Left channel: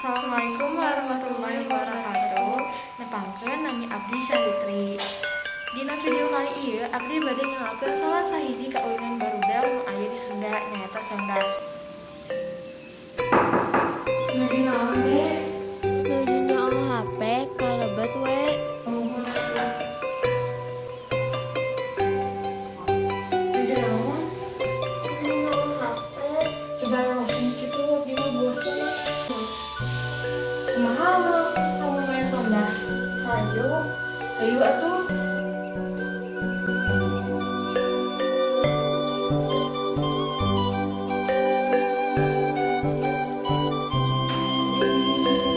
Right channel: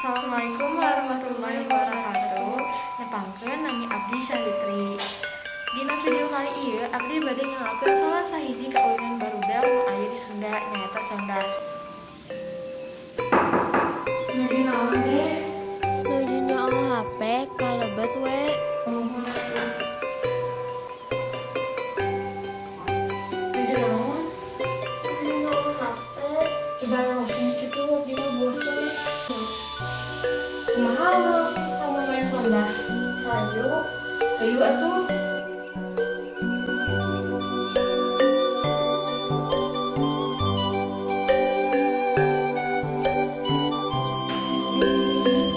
Assalamualaikum warahmatullahi wabarakatuh. Nepangkeun nami abdi Salitri. Dina video kali ieu abdi bade nyalakeun salah sahiji kaulinan barudak nu aya di Sunda nyaeta Sonda. Nuju naon deh? Nuju nyool HP kalebet we. Nuju naon? Nuju nyool HP. Coba langsung gitu abdi mah bosen. Kumaha kamu main Sonda? Hayu atuh.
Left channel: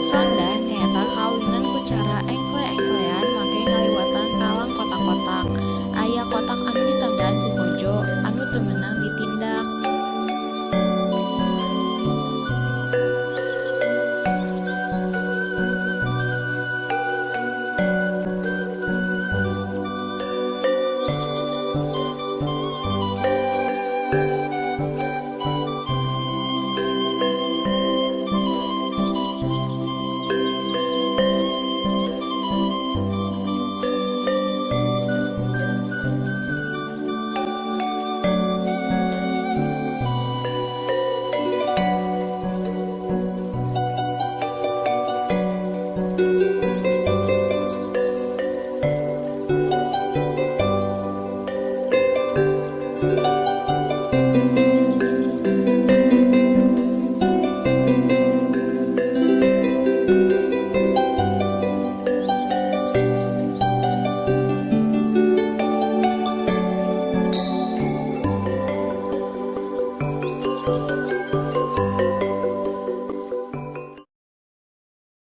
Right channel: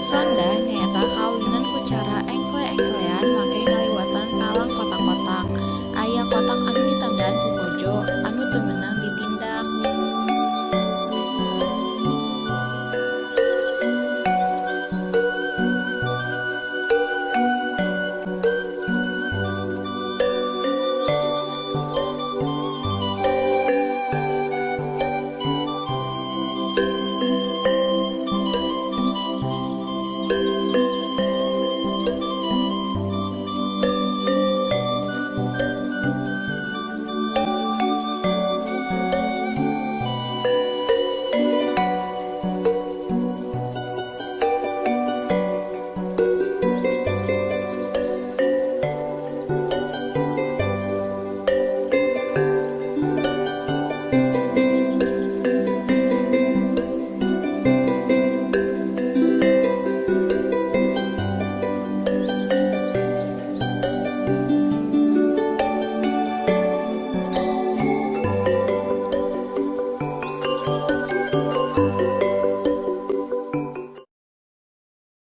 Sonda nyaeta kawinan ku cara engkle-engklean make ngaliwatan kalang kotak-kotak. Aya kotak